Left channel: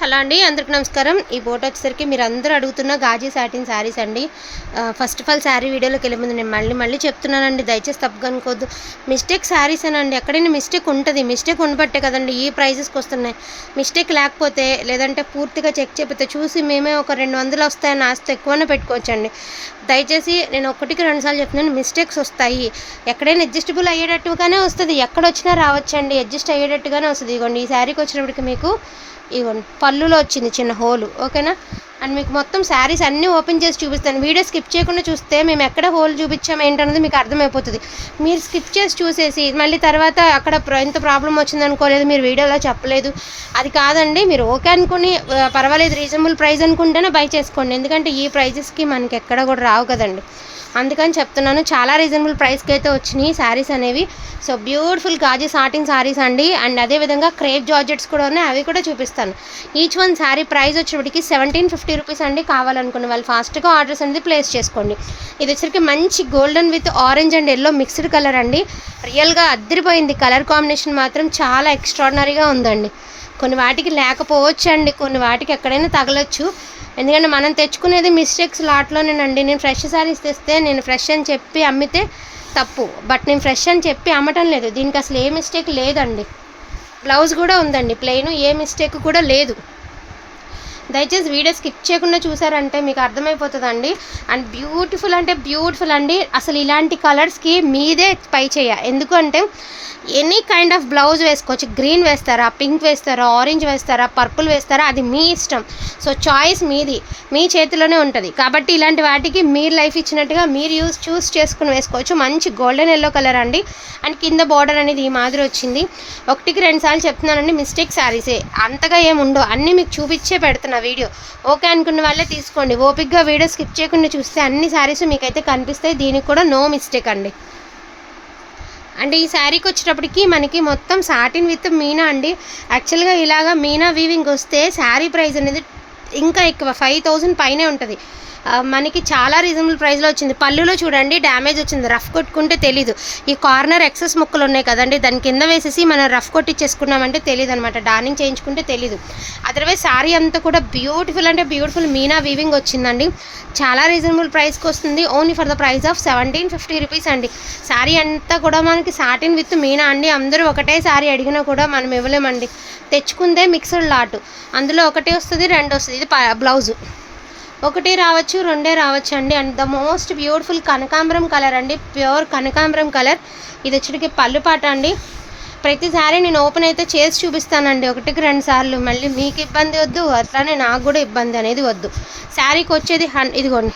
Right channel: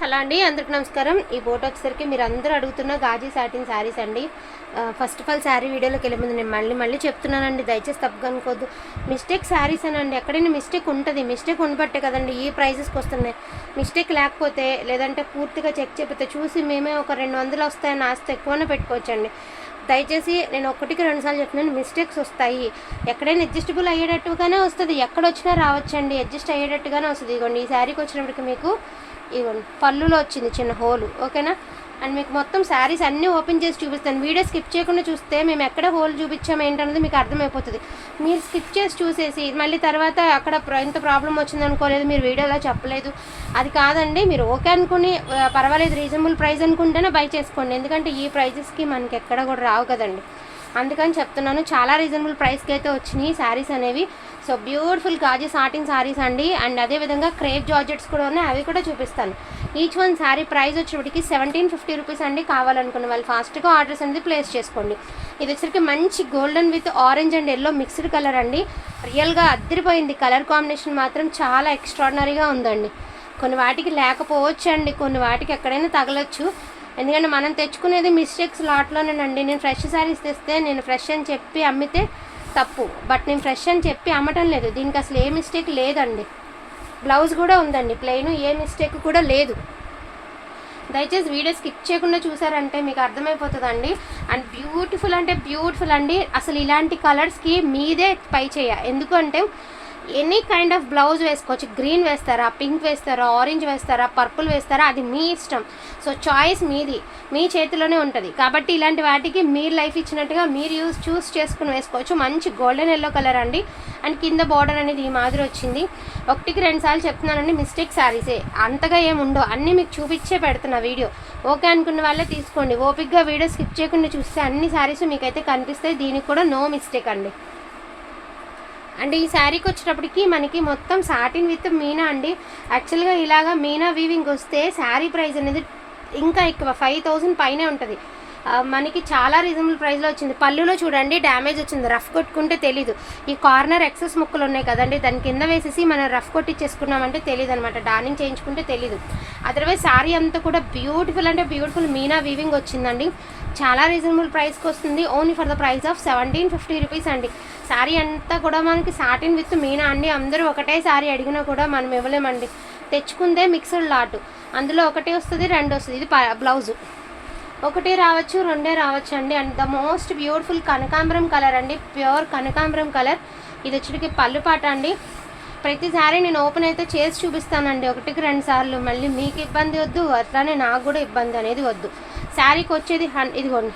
Hello అండి అందరికి నమస్కారం. ఈ బోట్ వచ్చేసరికి మీరు అందరూ అడుగుతున్న గాజీ సాటిన్ శారీస్ అండి. ఫస్ట్ ఆఫ్ ఆల్ శారీ వీడియోలోకి వెళ్ళే ముందు నేను మళ్ళీ మళ్ళీ చెప్తున్నానండి దయచేసి తప్పుగా అనుకోవద్దు మిస్టేక్ శారీస్ అనండి ఎక్కడైనా మిస్టేక్ ఉంటుంది. మిస్టేక్ ఉండబట్టే కదండి ఈ ప్రైజెస్కి వస్తున్నాయి. మిస్టేక్ లేకపోతే లేదంటే పూర్తిగా చెక్ చేయకపోతే చూసి మేమే ఒక రెండు వందలు వస్తాయని ఆస్తి ఎక్కువనే పెట్టుకోవచ్చండి. దయచేసి నేను ఒకటికి రెండు సార్లు చెప్తున్నాను మిస్టేక్స్ వస్తాయి. ఎక్కడైనా అడ్జస్టబుల్ అయ్యేటట్టుగానే వస్తుంది. ఎక్కడ వచ్చినా రావచ్చండి. అడ్జస్ట్ అయ్యేటట్టుగానే వస్తుంది. ఇదిగోండి ఈ శారీకి వచ్చినప్పటికి మీకు ఇవ్వండి పళ్ళులో వచ్చింది చిన్న హోలు ఓకేనా? అండ్ మీకు మొత్తం శారీస్ అన్నీ ఓపెన్ చేసి చూపిస్తాను. వీడియో స్కిప్ చేయకుండా చూస్తే మేము ఎక్కడ హోల్ చూపించాము ఏంటన్నది మీకు అర్థమైపోతుంది. మీరు స్కిప్ చేసి చూసేసి మళ్ళీ తర్వాత అక్కడ ఎంత ప్రాబ్లం వచ్చింది అనుకోలేదు మీరు వీడియోలో చెప్పలేదు. అది కాదండి మీరు ఓకే అనుకుని పర్వాలేదు రీజనబుల్ ప్రైస్ అనుకుంటేనే బై చేసుకోండి. ఎందుకంటే ఈ ప్రైజెస్కి మనకి ఎక్కడ కూడా రావు కదండి. అందుకని చెప్తున్నాను చాలా రీజనబుల్ ప్రైస్కి అయితే వచ్చినాయి శారీస్ అనేవి. సో బ్యూటిఫుల్ గాజు సాటింగ్ శారీస్ అండి. అండ్ అదేవిధంగా క్రేప్ జార్జెట్స్ కూడా ఉన్నాయి అవి కూడా చూపిస్తాను. ఈచ్ వన్ శారీ ప్రైస్ వచ్చేటికి సెవెంటీన్ ఫిఫ్టీ రూపీస్ అండి కావాలనుకున్న వాళ్ళు. ఫాస్ట్గా ఆర్డర్స్ అనేది ప్లేస్ చేసుకోండి. ఇది వచ్చరికి మంచి golden with orange and yellow mixed colour అండి. రియల్గా అద్దరిపోయింది. కలర్ కాంబినేషన్ మాత్రం చాలా ఎక్స్ట్రాడినరీగా ఉందండి. కొన్ని వాటికి లేకపోవచ్చు అండి కొన్ని వాటికి ఎక్కడైనా తగలొచ్చు. ఎందుకంటే మనం తెచ్చుకునేది మిస్టేక్స్ లాట్లోనేనండి. నేను ఫ్రెష్ శారీస్ తెస్తే నేను ఫ్రెష్ అని చెప్పి అమ్మితే తప్పు. బట్ నేను ఫ్రెష్ అని చెప్పి అమ్మటం లేదు. దీనికి అసలు ఏ మిస్టేక్ లేదండి. బ్లౌజ్ కూడా ఉందండి. ప్లెయిన్ ఏ మిస్టేక్ కూడా లేదు. దయచేసి వీడియో స్కిప్ చేయకుండా చూసారంటే మీకు అర్థమైపోతుందండి. అండ్ బ్యూటిఫుల్ అంటే బ్యూటిఫుల్ అండి. అసలు ఇలాంటి కలర్స్కి మీదే పై చేయ. ఎందుకంటే ఎనీ కైండ్ ఆఫ్ బ్లౌజ్ వేసుకోవచ్చు. గ్రీన్ వేస్తారా పింక్ వేస్తారా ఆరెంజ్ వేస్తారా పర్పుల్ వేస్తారా అది మీ ఇష్టం. సో చాయిస్ మీది. మీ చేతిలోనే ఉంటుంది. కాబట్టి ఇలాంటి వాటికి మీరు లైఫ్ ఇచ్చినట్టుగా మీరు యూస్ చూస్ చేసుకుని వేసుకోవచ్చు. మంచి గోల్డెన్ ఎల్లో కలర్ అండి. అండ్ కింద బార్డర్ అనేది ఈ మాదిరి వచ్చింది. ఒకటికి రెండు సార్లు చెప్తున్నానండి మిస్టేక్ శారీసే అంతగా ఏముండో అన్నీ మీకు చూపించే పెడుతున్నా వీడియో. ఓకే అనుకున్న వాళ్ళే తీసుకోండి. ఓపిక్గా వీడియో స్కిప్ చేయకుండా చూస్తే అన్ని శారీస్ మీకైతే కనిపిస్తాయి. దీనికి కూడా నో మిస్టేక్ అండి. అంటే ఈ శారీకి వచ్చేటప్పటికి మనకి మొత్తం సాటిన్ విత్ మీనా అండి. యాక్చువల్గా ఇలాగా మీనా వీవింగ్ వస్తే శారీ ప్రైస్ అనేది ఇంకా ఎక్కువ ఫైవ్ థౌజండ్ పైనే ఉంటుంది. మనకి చాలా రీజనబుల్ ప్రైస్లో వచ్చింది. పళ్ళులో చూడండి డ్యామేజ్ వచ్చింది. రఫ్ కొట్టుకుంటే తెలీదు. ఈ కార్నర్ ఎక్సెస్ ముక్కలు ఉన్నాయి కదండి దాని కింద వేసేసి మనం రఫ్ కొట్టించేసుకున్నామంటే తెలియదు అనమాట డార్నింగ్ చేయించుకుంటే తెలీదు. అదర్వైజ్ శారీ అంతా కూడా బ్యూటిఫుల్ అంటే బ్యూటిఫుల్ మీనా వీవింగ్ వచ్చిందండి. చాలా రీజనబుల్ ప్రైస్కి వస్తుంది. Only for the price of seventeen fifty rupees అండి. శారీ అంతా కూడా మనకి సాటిన్ విత్ మీనా అండి. అందరూ ఒకటే శారీ అడిగినా కూడా మనం ఇవ్వలేమండి. తెచ్చుకుందే మిక్స్డ్ లాట్ అందులో ఒకటే వస్తుంది రెండు వస్తుంది. ఇది బ్లౌజు ఒకటి రావచ్చు రెండే రావచ్చు అండి. అండ్ ద మోస్ట్ బ్యూటిఫుల్ కనకాంబరం కలర్ అండి. ప్యూర్ కనకాంబరం కలర్. ఇది వచ్చరికి పళ్ళు పాట అండి. ప్రతిసారి నేను ఓపెన్ అయితే చేసి చూపిస్తానండి. ఒకటికి రెండు సార్లు. మళ్ళీ మీకు ఇబ్బంది వద్దు అట్లానే నాకు కూడా ఇబ్బంది అనేది వద్దు. శారీకి వచ్చేది హన్ ఇదిగోండి.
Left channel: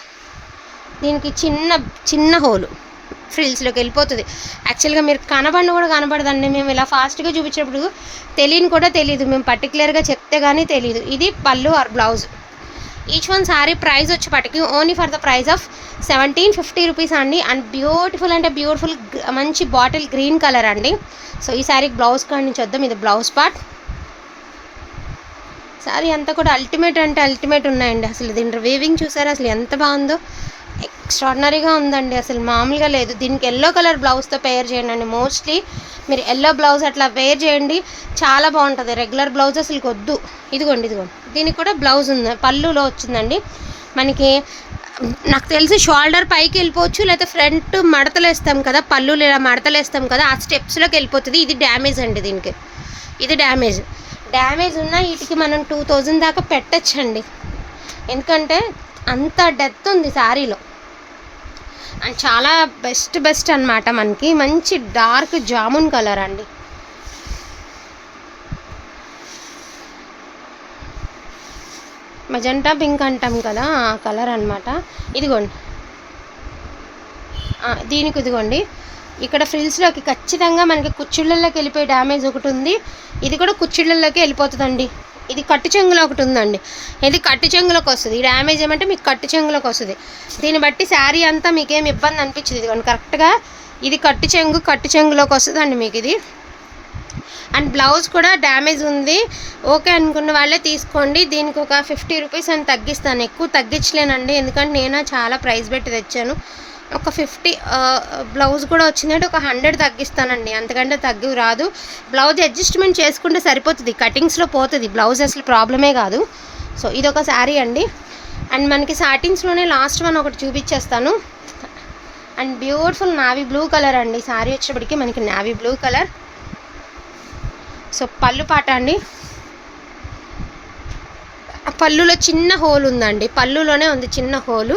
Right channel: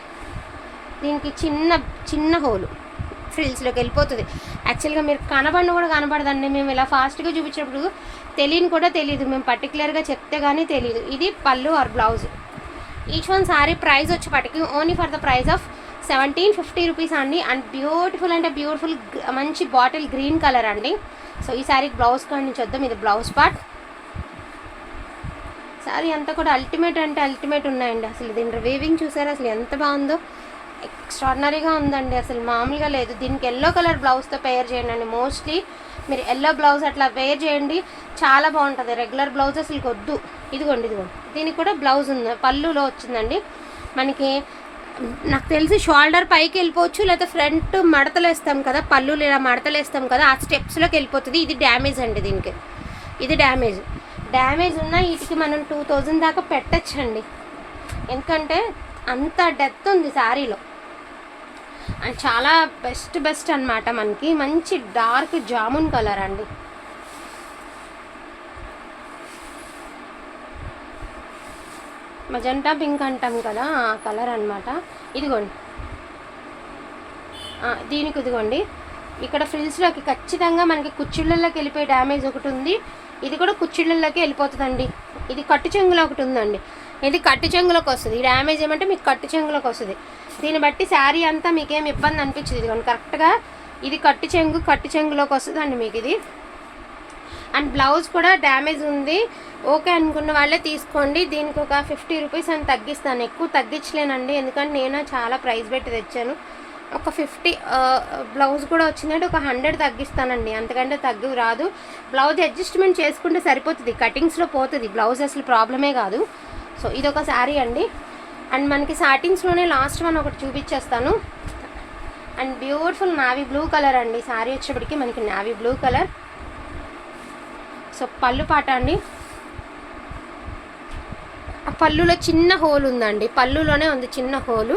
దీనికి చిన్న చిన్న హోలు. ఫ్రిల్స్లోకి వెళ్ళిపోతుంది. యాక్చువల్గా మీరు కనబడిన కూడా కనబడదండి. మేము ఇలా ఫాస్ట్గా చూపించినప్పుడు తెలియని కూడా తెలియదు మేము పర్టికులర్గా చెప్తే కానీ తెలియదు ఇది పళ్ళు or blouse. Each one sari price వచ్చేపాటికి only for the price of seventeen fifty rupees అండి. అండ్ బ్యూటిఫుల్ అంటే బ్యూటిఫుల్ మంచి బాటిల్ గ్రీన్ కలర్ అండి. సో ఈ శారీకి బ్లౌజ్ కాడి నుంచి వద్దాం. ఇది బ్లౌజ్ పార్ట్ శారీ అంతా కూడా అల్టిమేట్ అంటే అల్టిమేట్ ఉన్నాయండి. అసలు దీని వేవింగ్ చూసారా? అసలు ఎంత బాగుందో. ఎక్స్ట్రాడినరీగా ఉందండి. అసలు మామూలుగా లేదు. దీనికి ఎల్లో కలర్ బ్లౌజ్తో పేర్ చేయండి అండి మోస్ట్లీ మీరు ఎల్లో బ్లౌజ్ అట్లా వేర్ చేయండి చాలా బాగుంటుంది. రెగ్యులర్ బ్లౌజ్ అసలు వద్దు. ఇదిగోండి ఇదిగోండి. దీనికి కూడా బ్లౌజ్ ఉంది. పళ్ళులో వచ్చిందండి. మనకి నాకు తెలిసి షోల్డర్ పైకి వెళ్ళిపోవచ్చు లేకపోతే ఫ్రంట్ మడతలు వేస్తాం కదా పళ్ళు లేదా మడతలు వేస్తాం కదా ఆ స్టెప్స్లోకి వెళ్ళిపోతుంది. ఇది డ్యామేజ్ అండి దీనికి. ఇది డ్యామేజ్ డ్యామేజ్ ఉన్న వీటికి మనం టూ థౌజండ్ దాకా పెట్టచ్చండి. ఎందుకంటే అంత డెత్ ఉంది శారీలో అండ్ చాలా బెస్ట్ బెస్ట్ అన్నమాట మనకి. మంచి డార్క్ జామున్ కలర్ అండి. మజంటా పింక్ అంటాం కదా ఆ కలర్ అన్నమాట. ఇదిగోండి. దీనికి ఇదిగోండి. ఇక్కడ ఫ్రిల్స్లోకి ఖచ్చితంగా మనకి కుచ్చిళ్ళల్లోకి వెళ్ళిపోయే డ్యామేజ్ ఒకటి ఉంది. ఇది కూడా కుచ్చిళ్ళల్లోకి వెళ్ళిపోతుందండి. ఇది కట్టు చెంగులో ఒకటి ఉందండి. ఇది కట్టు చెంగులోకి వస్తుంది. ఈ డ్యామేజ్ ఏమంటే మీకు కట్టు చెంగులోకి వస్తుంది. దీన్ని బట్టి శారీ అంతా మీకేం ఇబ్బంది అనిపించదు. ఇదిగోండి కరెక్ట్గా ఇది కట్టు చెంగు కట్టు చెంగులోకి వస్తుందండి మీకు ఇది. అండ్ బ్లౌజ్ కూడా డ్యామేజ్ ఉంది. ఓకే అనుకున్న వాళ్ళే తీసుకోండి. దీనికి ఒక ఫిఫ్టీ రూపీస్ అని తగ్గిస్తాను. ఎక్కువ తగ్గించలేనండి. ఎందుకంటే నేను చాలా ప్రైస్ పెట్టి తెచ్చాను. ఒక ఫిఫ్టీ బ్లౌజ్ కూడా వచ్చిందంటే ఒక హండ్రెడ్ తగ్గిస్తానండి. అంతకంటే తగ్గు రాదు. బ్లౌజ్ అడ్జస్ట్మెంట్ చేసుకుంటే సరిపోతుంది. కటింగ్స్లో పోతుంది. బ్లౌజ్ అసలు ప్రాబ్లమే కాదు. సో ఇది ఒక శారీ అండి. అండ్ మనకి సాటిన్స్లోనే లాస్ట్ వన్ ఒకటి చూపించేస్తాను and beautiful navy blue colour అండి. శారీ వచ్చేప్పటికి మనకి నావీ బ్లూ కలర్. సో పళ్ళు పాట అండి. ఆ పళ్ళులో చిన్న హోల్ ఉందండి. పళ్ళులోనే ఉంది చిన్న హోలు.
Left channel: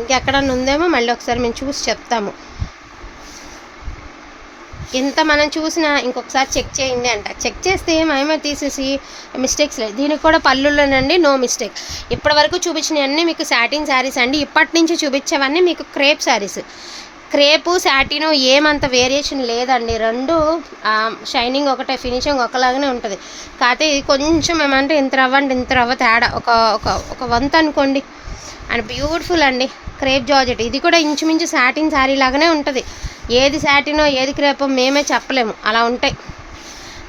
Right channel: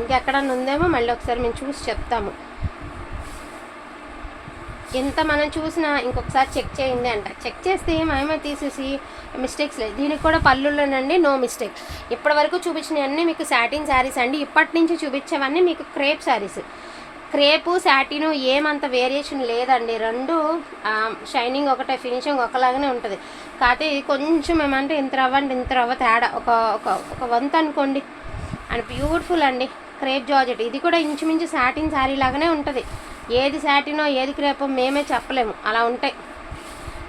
ఇంకెక్కడన్నా ఉందేమో మళ్ళీ ఒకసారి మేము చూసి చెప్తాము. ఎంత మనం చూసినా ఇంకొకసారి చెక్ చేయండి అంట. చెక్ చేస్తే ఏమేమో తీసేసి మిస్టేక్స్ లేదు దీనికి కూడా పళ్ళులోనండి నో మిస్టేక్ ఇప్పటివరకు చూపించినవన్నీ మీకు సాటిన్ శారీస్ అండి. ఇప్పటి నుంచి చూపించేవన్నీ మీకు క్రేప్ శారీస్ క్రేపు శాటిను ఏమంత వేరియేషన్ లేదండి. రెండు షైనింగ్ ఒకటే ఫినిషింగ్ ఒకలాగానే ఉంటుంది. కాకపోతే ఇది కొంచెం ఏమంటే ఇంత రవ్వ అంటే ఇంత రవ్వ తేడా. ఒక ఒక ఒక వంత అనుకోండి అండ్ బ్యూటిఫుల్ అండి. Crepe georgette. ఇది కూడా ఇంచుమించు సాటిన్ శారీ లాగానే ఉంటుంది. ఏది సాటినో ఏది క్రేపో మేమే చెప్పలేము. అలా ఉంటాయి.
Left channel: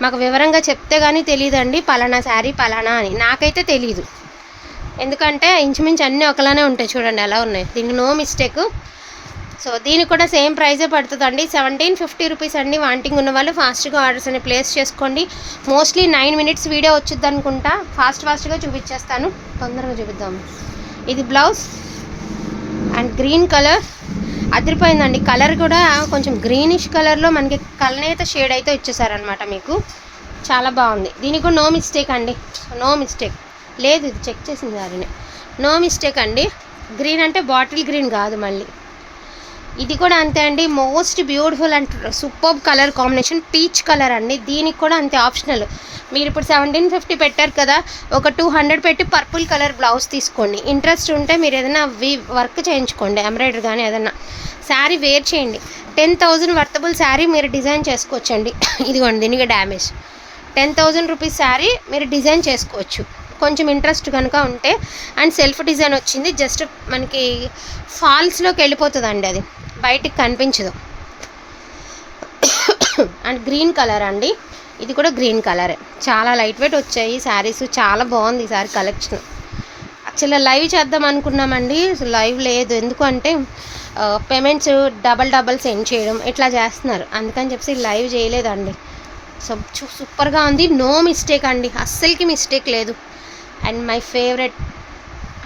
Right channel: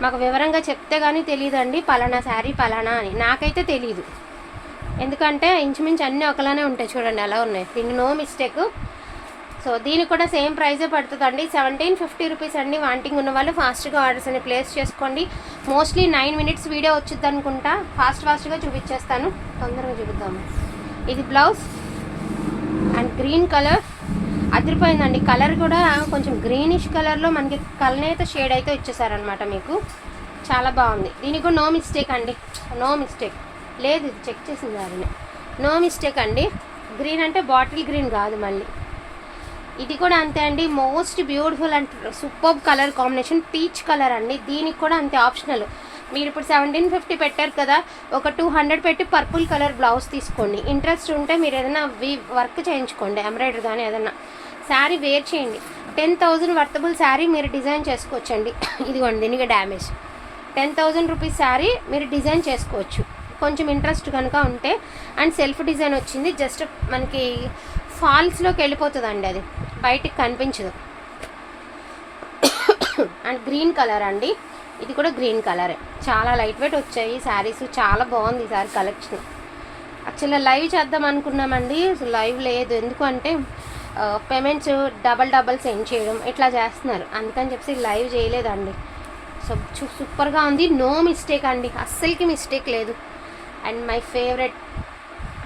మాకు వివరంగా చెప్తే కానీ తెలియదండి పలానా శారీ పలానా అని. నాకైతే తెలియదు ఎందుకంటే ఇంచుమించు అన్నీ ఒకలానే ఉంటాయి చూడండి ఎలా ఉన్నాయి. దీనికి నో మిస్టేక్. సో దీనికి కూడా సేమ్ ప్రైజే పడుతుందండి. సెవెంటీన్ ఫిఫ్టీ రూపీస్ అండి వాంటింగ్ ఉన్న వాళ్ళు. ఫాస్ట్గా ఆర్డర్స్ అని ప్లేస్ చేసుకోండి. మోస్ట్లీ నైన్ మినిట్స్ వీడియో వచ్చింది అనుకుంటా ఫాస్ట్ ఫాస్ట్గా చూపించేస్తాను తొందరగా చూపిద్దాము ఇది బ్లౌజ్. గ్రీన్ కలర్ అదిరిపోయిందండి. కలర్ కూడా కొంచెం గ్రీనిష్ కలర్లో మనకి కలనేత షేడ్ అయితే ఇచ్చేసారనమాట మీకు. చాలా బాగుంది. దీనికి కూడా నో మిస్టేక్ అండి. నో మిస్టేక్ లేదు ఇది చెక్ చేసింది దారిని నో మిస్టేక్ అండి. గ్రీన్ అంటే బాటిల్ గ్రీన్ కాదు మళ్ళీ. ఇది కూడా అంతే అండి. Most beautiful and super colour combination peach colour అండి. దీనికి కూడా అంతే ఆప్షనల్ మీరు ఇప్పుడు సెవెంటీన్ ఫిఫ్టీ పెట్టారు కదా ఒక టూ హండ్రెడ్ పెట్టి పర్పుల్ కలర్ బ్లౌజ్ తీసుకోండి. ఇంట్రెస్ట్ ఉంటే మీరు ఏదైనా వి వర్క్ చేయించుకోండి ఎంబ్రాయిడరీ కానీ ఏదైనా. శారీ వేర్ చేయండి. టెన్ థౌజండ్ వర్తబుల్ శారీ మీరు డిజైన్ చేసుకోవచ్చండి. ఇదిగోండి దీనికి damage ten thousand rupees sari మీరు డిజైన్ చేసుకోవచ్చు. కొంచెం ఇంట్రెస్ట్ కనుక ఉంటే అండ్ సెల్ఫ్ డిజైన్ వచ్చింది జస్ట్ మనకి ఫాల్స్లోకి వెళ్ళిపోతుందండి అది. బయటికి కనిపించదు. అండ్ గ్రీన్ కలర్ అండి. ఇది కూడా గ్రీన్ కలరే. చాలా లైట్ వెయిట్ వచ్చాయి. శారీస్ చాలా బాగుంది ఈ సారీ కలెక్షన్. యాక్చువల్గా లైవ్ చేద్దాం అనుకున్నామండి. లైవ్ లేదు. ఎందుకంటే పేమెంట్స్ డబల్ డబల్ సెండ్ చేయడం ఇట్లా చేస్తున్నారు. అందుకని చెప్పి లైవ్ చేయలేదండి. సో సూపర్గా ఉంది. నో మిస్టేక్ అండి. అస్సలకి మిస్టేక్ లేదు. అండ్ మై ఫేవరెట్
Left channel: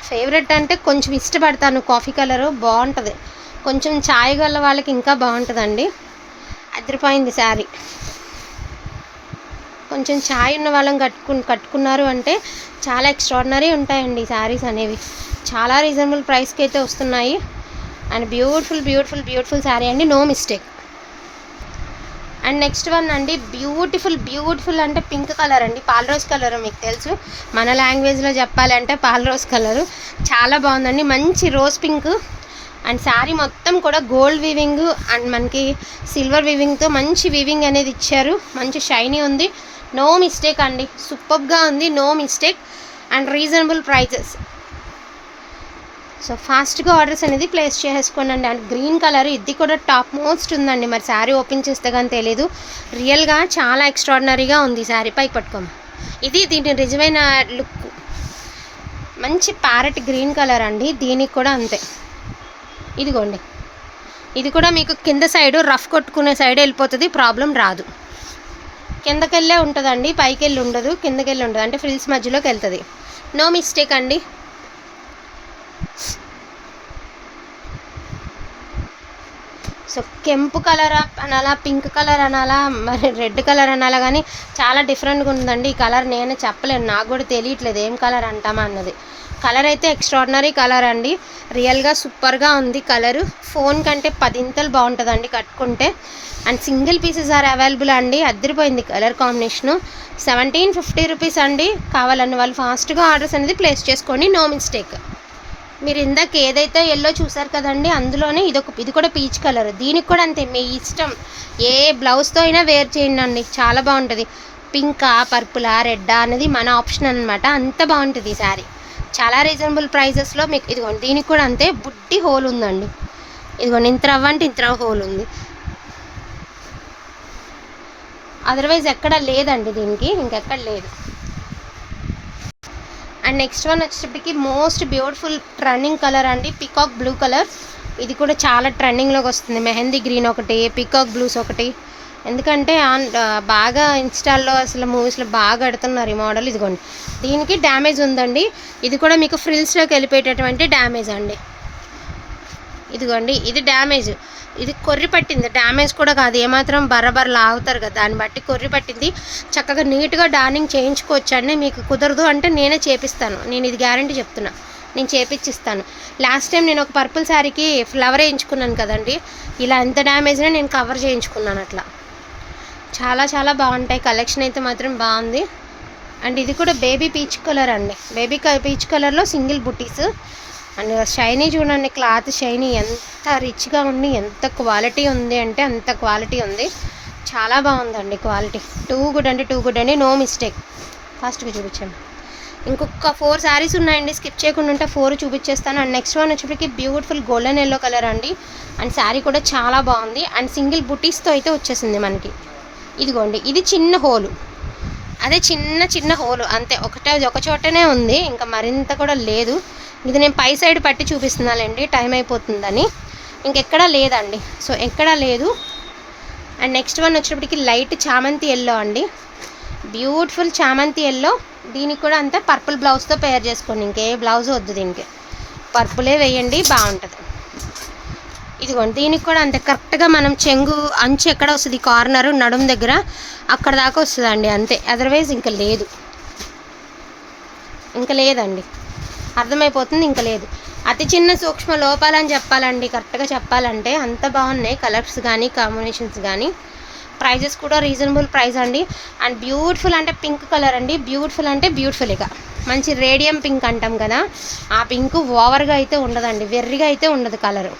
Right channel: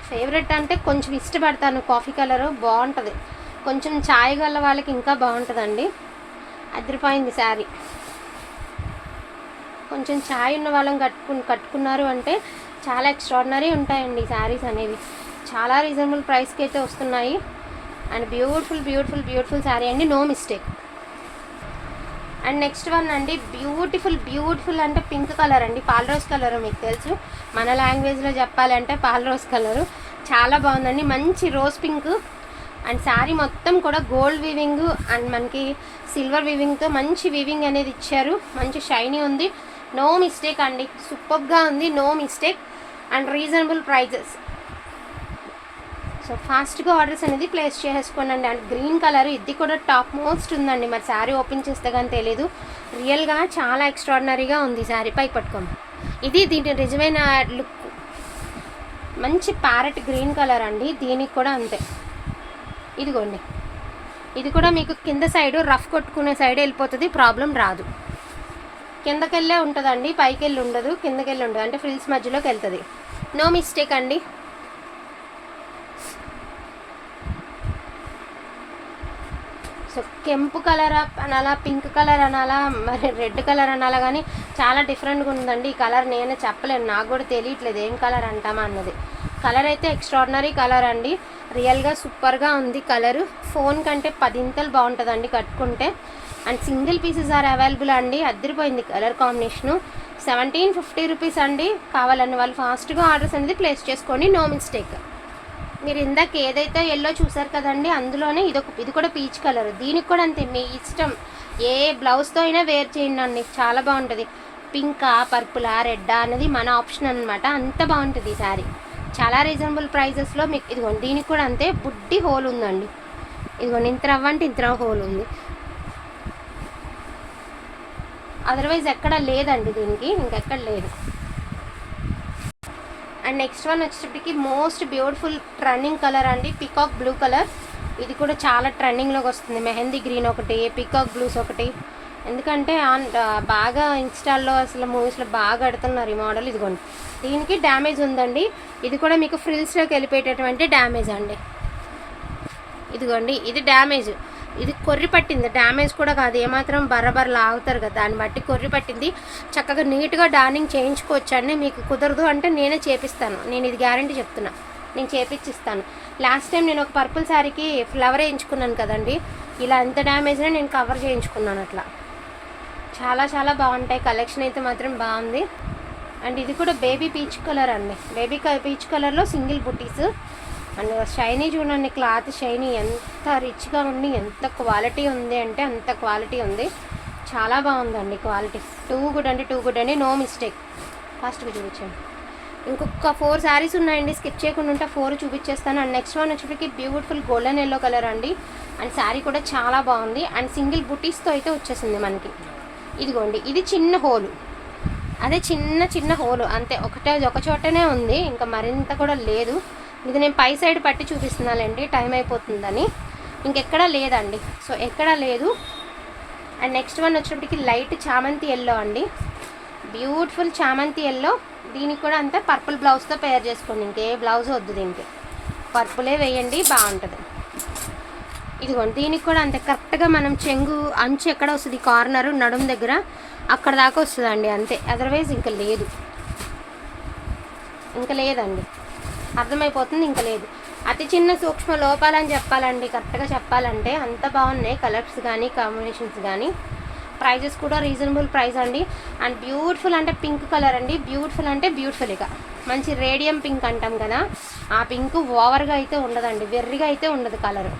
ఫేవరెట్ అంటే కొంచెం ఇష్టపడతాను. కాఫీ కలరు బాగుంటుంది. కొంచెం ఛాయ్ గల వాళ్ళకి ఇంకా బాగుంటుందండి. అదిరిపోయింది శారీ. కొంచెం ఛాయ్ ఉన్న వాళ్ళని కట్టుకు కట్టుకున్నారు అంటే చాలా ఎక్స్ట్రాడినరీ ఉంటాయండి శారీస్ అనేవి. చాలా రీజనబుల్ ప్రైస్కి అయితే వస్తున్నాయి. And beautiful beautiful beautiful sari అండి. No mistake and next one అండి బ్యూటిఫుల్ బ్యూటిఫుల్ అంటే పింక్ కలర్ అండి. పాల్ రోజ్ కలర్ మీకు తెలుసు. మన లాంగ్వేజ్లో చెప్పాలంటే పాల్ రోజ్ కలరు. చాలా బాగుందండి. మంచి రోజ్ పింక్ అండ్ శారీ మొత్తం కూడా గోల్డ్ వివింగ్ అండ్ మనకి సిల్వర్ వివింగ్తో మంచి వివింగ్ అనేది ఇచ్చారు. మంచి షైనీ ఉంది. నో మిస్టేక్ అండి సూపర్గా ఉంది no mistake and reasonable prices so ఫాస్ట్గా ఆర్డర్స్ అనేది ప్లేస్ చేసుకోనండి అండ్ గ్రీన్ కలర్ ఇది కూడా టాప్ మోస్ట్ ఉందండి. మరి శారీ ఓపెన్ చేస్తే కానీ తెలీదు. రియల్గా చాలా ఎక్స్ట్రాడినరీగా ఉంది శారీ పై పట్టుకోము. ఇది దీని నిజమైన లుక్ మంచి ప్యారెట్ గ్రీన్ కలర్ అండి. దీనికి కూడా అంతే. ఇదిగోండి. ఇది కూడా మీకు కింద సైడ్ రఫ్ కొట్టుకునే సైడ్ వెళ్ళిపోతుంది. ప్రాబ్లం రాదు. కిందకెళ్ళే ఉంటుందండి పైకి వెళ్ళి ఉండదు కిందకెళ్ళి ఉండదు. అంటే ఫ్రిల్స్ మధ్యలోకి వెళ్తుంది. నో మిస్టేక్ అండి. సో కెంపు కలర్ అనాలా పింక్ కలర్ అనాలా మరి రెడ్ కలర్ అనాలా కానీ చాలా డిఫరెంట్గా ఉందండి. ఈ కలర్ నేను చెప్పలేను నాకు కూడా తెలియట్లేదు ఏం కలర్ అంటామా అన్నది. కలర్ అయితే ఎక్స్ట్రాడినరీ కలర్ అండి. రియల్గా సూపర్గా ఉంది కలరు. ఫోన్ కంటే పదింతలు బాగుంటుందండి కట్టుకుంటే. And single pieces are available అండి. అద్దరిపోయింది colour combination. Seventeen fifty rupees అండి. కావాలని వాళ్ళు ఫాస్ట్గా ఆర్డర్స్ అనేది ప్లేస్ చేసుకోండి. No mistake. మీరు ఇందాక ఏదైతే ఎల్లో చూసారు కదండి అందులోనే ఇదొక ఇది కూడా పీచ్ కలర్ దీనికి కూడా అంతే. మీ ఇష్టం ఏ బ్లౌజ్తో అయినా వేర్ చేయండి అండి. చాలా బాగుంటుంది. పింకా పర్పులా రెడ్డా అనేది మన ఆప్షన్ అనమాట అంత బాగుంటుంది ఈ శారీ చాలా రీజనబుల్ ప్రైజెస్లో మీకు ఇదిగోండి దీనికి కూడా అంతే. బుడ్డి హోల్ ఉందండి. ఇదిగోండి ఇంత రవ్వ అంటే ఇంత రవ్వ హోల్ ఉంది. అదర్వైజ్ ఎక్కడ లేదండి దీనికి ఇంకెక్కడ లేదు. అండ్ నెక్స్ట్ వన్ వచ్చేటప్పటికి మోస్ట్ బ్యూటిఫుల్ ట్రెండింగ్ కలర్ అండి పికాక్ బ్లూ కలర్ ఇది కూడా చాలా ట్రెండింగ్లోకి వస్తుంది. మెహందీ గ్రీన్ ఒకటి పికాక్ బ్లూస్ ఒకటి. ఎందుకంటే ఆ, బాగా ఇన్స్టాల్లో అసలు మూవీస్లో బాగా పెడుతున్నారు ఈ మోడల్ ఇదిగోండి. దీనికి డ్యామేజ్ ఉందండి. ఇది కూడా మీకు ఫ్రిల్స్లోకి వెళ్ళిపోయేటటువంటి డ్యామేజ్ అండి. ఇదిగోండి ఇది డ్యామేజ్ ఇది కొర్రి పట్టింది. డ్యామేజ్ కూడా కాదు. ఏమాత్రం బర్రబర్ర లాగుతారు కదా. దాన్ని బట్టి కొర్రి పట్టింది. చక్కగా నీట్గా డార్నింగ్ చేయించుకోవచ్చు అండి మీకు కుదరదు అంటే నేనే చేపిస్తాను. నేను ఇది గ్యారంటీ చెప్తున్నా. నేను చేపించిస్తాను లాస్ట్ టైం నేను ఒక పర్పుల్ శారీకి ఫ్లవర్ వేయించుకున్నాను కదండి. ఇలా ఎంత డ్యామేజ్నా నేను కవర్ చేయించుకున్నాను అట్లా. చాలా చాలా బాగుంటాయి. కలెక్షన్ అయితే మాత్రం బాగుంది. అండ్ ఇది కూడా బేబీ పీచ్ కలర్ అండి. బేబీ పీచ్ కలర్లో సింగిల్ బుటీస్. అండ్ షైనీ చూడండి. క్లాత్ షైనీ ఎంత రిచ్గా ఉండి ఎంత క్వాలిటీ ఉంది అంటే అంత క్వాలిటీ ఉంది. చాలా బాగుందండి క్వాలిటీ. టూ గుడ్ అండి టూ గుడ్ అండి. No mistake. ఫాస్ట్గా చూపించండి. ఇంకొక ఫోర్ శారీస్ ఉన్నాయండి. స్కిప్ చేయకుండా ఉంటే ఫోర్ చూపించేస్తాను. అండ్ నెక్స్ట్ వన్ వచ్చేటికి బ్యూటిఫుల్ గోల్డెన్ ఎల్లో కలర్ అండి. అండ్ శారీ కూడా చాలా బాగుంది. అండ్ సింగిల్ బుటీస్తో అయితే వచ్చేసింది మనకి. ఇదిగోండి ఇది చిన్న హోలు అదే చిన్న చిన్న హోలు అంతే ఒకటే ఒక చోటనే ఉంది. ఇంకా మరింత కూడా లేదు. ఇది నేను పై సైడ్ పట్టి చూపిస్తున్నానండి. టైం అయిపోతుందని. ఇంకెక్కడా లేదండి. సో ఎక్కడా లేదు. అండ్ నెక్స్ట్ వన్ వచ్చేటప్పటికి లైట్ చామంతి ఎల్లో అండి. బ్యూటిఫుల్ చామంతి ఎల్లో దీనికి కూడా అంతా పర్పుల్ బ్లౌజ్తో పేర్ చేసుకోండి. ఇంకే బ్లౌజ్ వద్దు దీనికి. పర్పులే వేయండి బాగుంటుంది. ఇదిగోండి దీనికి కూడా అంతే. కరెక్ట్గా మనం చెంగు అంచు ఎక్కడ వస్తుంది? కార్నర్ నడుము దగ్గర. అక్కడ దాకా వస్తుందండి అంతే. అదర్వైజ్ ఇంకా లేదు. ఇంకా లేదండి. అర్థమైపోతుంది? ఇంకా లేదు. అతి చిన్న సూక్ష్మ లోపాలని చెప్పాలండి కరెక్ట్గా చెప్పాలంటే అంత బాగున్నాయి కలర్స్ కానీ కాంబినేషన్స్ కానీ ప్రైజెస్ కూడా రీజనబుల్ ప్రైస్ అండి. అండ్ బ్యూటిఫుల్ అంటే పింక్ కలర్ అండి. బ్యూటిఫుల్ అంటే బ్యూటిఫుల్ ఇక. మంచి రేడియం పింక్ అంటాం కదా ఆ పింక్ ఓవర్గా అయితే ఉండదండి. వెర్రిగా అయితే ఉండదు కలర్.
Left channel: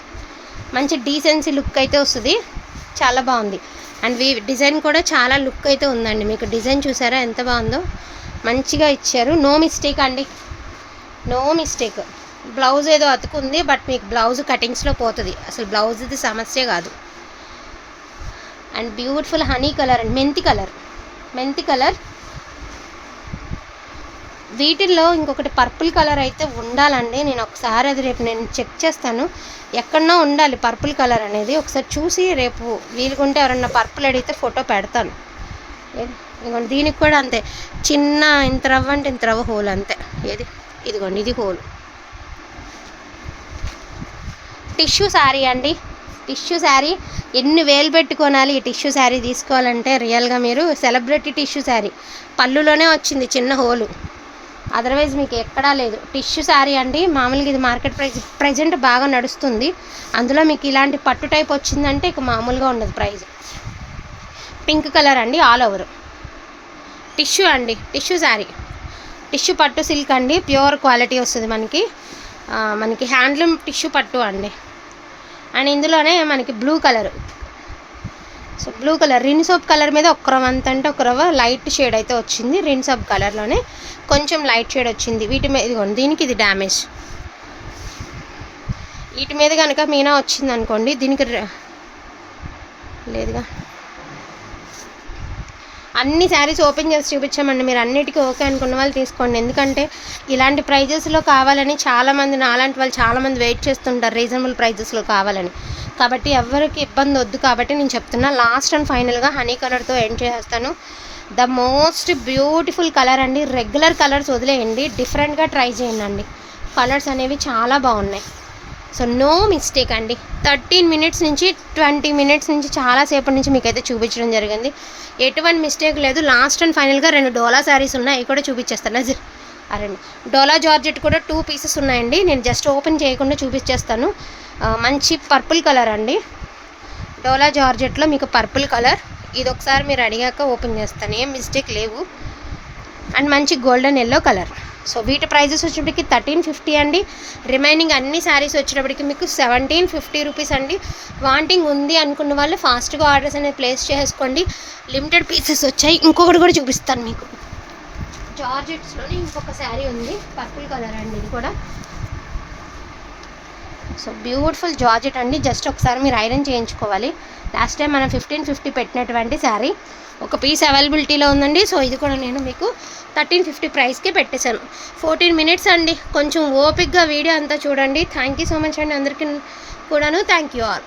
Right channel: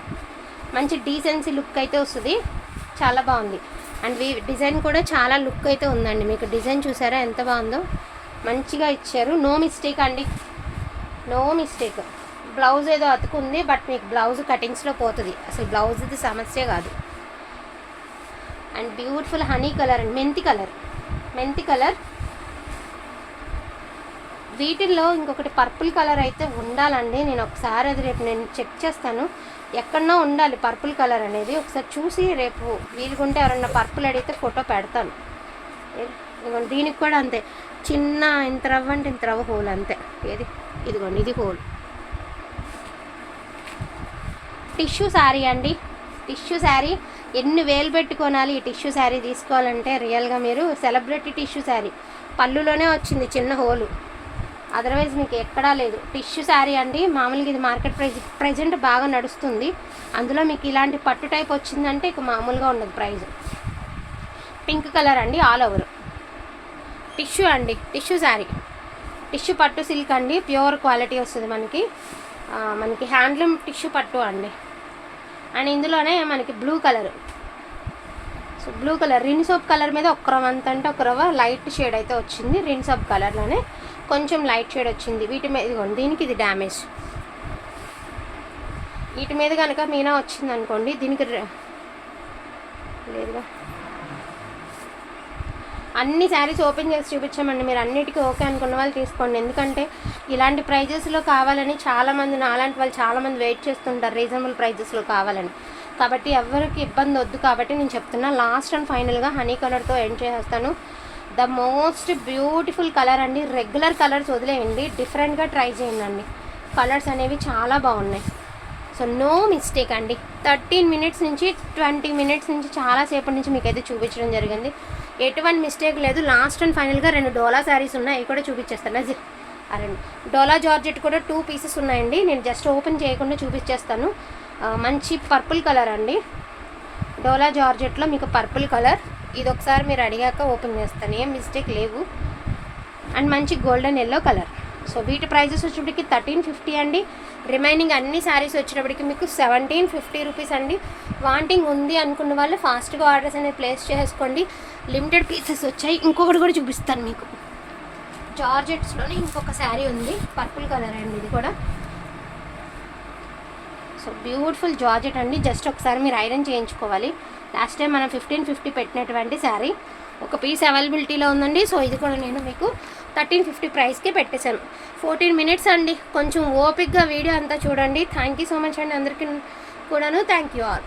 మంచి డీసెన్సీ లుక్ అయితే వస్తుంది. చాలా బాగుంది. అండ్ వీ డిజైన్ కూడా చాలా లుక్ అయితే ఉందండి. మీకు డిజైన్ చూసారా? ఎంత బాగుందో. మంచిగా ఇచ్చారు. నో మిస్టేక్ అండి. No mistake. బ్లౌజ్ ఏదో అతుకుంది బట్ మీకు బ్లౌజ్ కటింగ్స్లో పోతుంది. అసలు బ్లౌజ్ది సమస్య కాదు. And beautiful honey colour and మెంతి కలర్. మెంతి కలర్. వీటిల్లో ఇంకొకటి పర్పుల్ కలర్ అయితే ఉండాలండి. నేను ఒకసారి అది రేపు నేను చెక్ చేస్తాను. ఎక్కడన్నా ఉండాలి పర్పుల్ కలర్ అనేది. ఒకసారి చూసి రేపు వీలుకుంటే ఎవరన్నా పర్పుల్ అడిగితే ఫోటో పెడతాను. ఇదిగోండి దీనికి కూడా అంతే. చిన్న ఇంత రవ్వ అంటే ఇంత రవ్వ హోల్ అంతే. ఏది? ఇదిగోండి ఇది హోల్. టిష్యూ శారీ అండి. టిష్యూ శారీ ఎన్ని వేలు పెట్టుకోనాలి ఈ టిష్యూ శారీ తీసుకోవాలంటే రియల్గా మీరు సెలబ్రిటీ టిష్యూ శారీ. పళ్ళులోనే వచ్చింది చిన్న హోలు. అదర్వైజ్ మీకు ఎక్కడా లేదు. టిష్యూ శారీ అండి. మామూలుగా ఇది మార్కెట్ ప్రైస్ ప్రెజెంట్ బాగా నడుస్తుంది. అందులో మీకు ఇలాంటి పట్టు టైప్ వచ్చిందంటే ఇక మామూలుగా ఉండదు ప్రైస్ పింక్ కలర్ అండి ఆల్ ఓవర్. టిష్యూ అండి టిష్యూ శారీ. టిష్యూ పట్టు సిల్క్ అండి. ప్యూర్ క్వాలిటీ వస్తుంది మనకి. మనకి హ్యాండ్లూమ్ టిష్యూ పట్టు అండి. అండ్ ఇందులోనే మనకి blue colour so blue colour Rin soap colour మీద ఒక రవ్వ అంత అంటే ఒక రవ్వ లైట్ షేడ్ అయితే వచ్చింది. రిన్ సోప్ కలర్లోనే కొంచెం లైట్ షేడ్ వచ్చింది. వీటి మీద ఇదిగోండి దీనికి ఇది డ్యామేజ్ వీటి మీద కనుక మీనా వచ్చింది అనుకోండి దీనికి ర- లేదుగా. అన్ని శారీస్ ఓపెన్ చేసి చూపించామండి. మీరు అన్నిటికీ ఓకే అనుకున్న వాళ్ళు తీసుకోండి. ఎందుకంటే ఇలాంటి ప్రైజెస్లో కావాలని చాలామంది నాలాంటి వాళ్ళు చాలామంది వెయిట్ చేస్తుంటారు రీజనబుల్ ప్రైజెస్లో కావాలని. కాబట్టి ఎవరికి ఇబ్బంది వద్దు కాబట్టి నేను చెప్తున్నా లాస్ట్ అండ్ ఫైనల్గా హనీ కలర్తో ఎండ్ చేస్తాను. ద మోస్ట్ బ్యూటిఫుల్ కలర్ అండి. రెగ్యులర్ కలర్స్ వదిలేయండి. డిఫరెంట్గా ట్రై చేయండి కలర్స్ అనేవి చాలా బాగున్నాయి. సో నో మిస్టేక్ అండి. థర్టీన్ మినిట్స్ నుంచి ట్వంటీ మినిట్స్ నుంచి చాలాసేపటి నుంచి మీకైతే చూపించడం జరిగింది. ఎటువంటి మిస్టేక్ లేదు. లాస్ట్ అండ్ ఫైనల్గా రెండు డోలా శారీస్ ఉన్నాయి. అవి కూడా చూపించేస్తాను. నజర్ అరండి డోలా జార్జెట్ కూడా టూ పీసెస్ ఉన్నాయండి. నేను జస్ట్ ఓపెన్ చేయకుండా చూపించేస్తాను. మంచి పర్పుల్ కలర్ అండి. డోలా జార్జెట్లో మీకు పర్పుల్ కలర్ ఇది ఒకసారి మీరు అడిగాక ఓపెన్ చేస్తాను. ఏం మిస్టేక్ లేవు. అండ్ మంచి గోల్డెన్ ఎల్లో కలర్ సో వీటి ప్రైజెస్ వచ్చేటప్పటికి థర్టీన్ ఫిఫ్టీ అండి. రిమైనింగ్ అన్ని శారీస్ వచ్చేటప్పటికి మీకు సెవెంటీన్ ఫిఫ్టీ రూపీస్ అండి. వాంటింగ్ ఉంది అనుకున్న వాళ్ళు ఫాస్ట్గా ఆర్డర్స్ అనేది ప్లేస్ చేసుకోండి. లిమిటెడ్ పీసెస్ వచ్చాయి. ఇంకొకటి కూడా చూపిస్తాను మీకు. జార్జెట్స్లోనే ఇంకొక శారీ ఉంది. పర్పుల్ కలర్ అండి ఇది కూడా. సో బ్యూటిఫుల్ జార్జెట్ అండి. జస్ట్ ఒకసారి మీరు ఐరన్ చేయించుకోవాలి. లాస్ట్ టైం మనం ఫిఫ్టీన్ ఫిఫ్టీ పెట్టినటువంటి శారీ. ఒక పీస్ అవైలబిలిటీలో ఉందండి. సో ఇది కూడా నేను మీకు థర్టీన్ ఫిఫ్టీ ప్రైస్కే పెట్టేశాను. ఫోర్టీన్ మినిట్స్ అండి. కొంచెం ఓపిక్గా వీడియో అంతా చూడండి. థ్యాంక్ యూ సో మచ్ అండి అందరికీ కూడాను. Thank you all.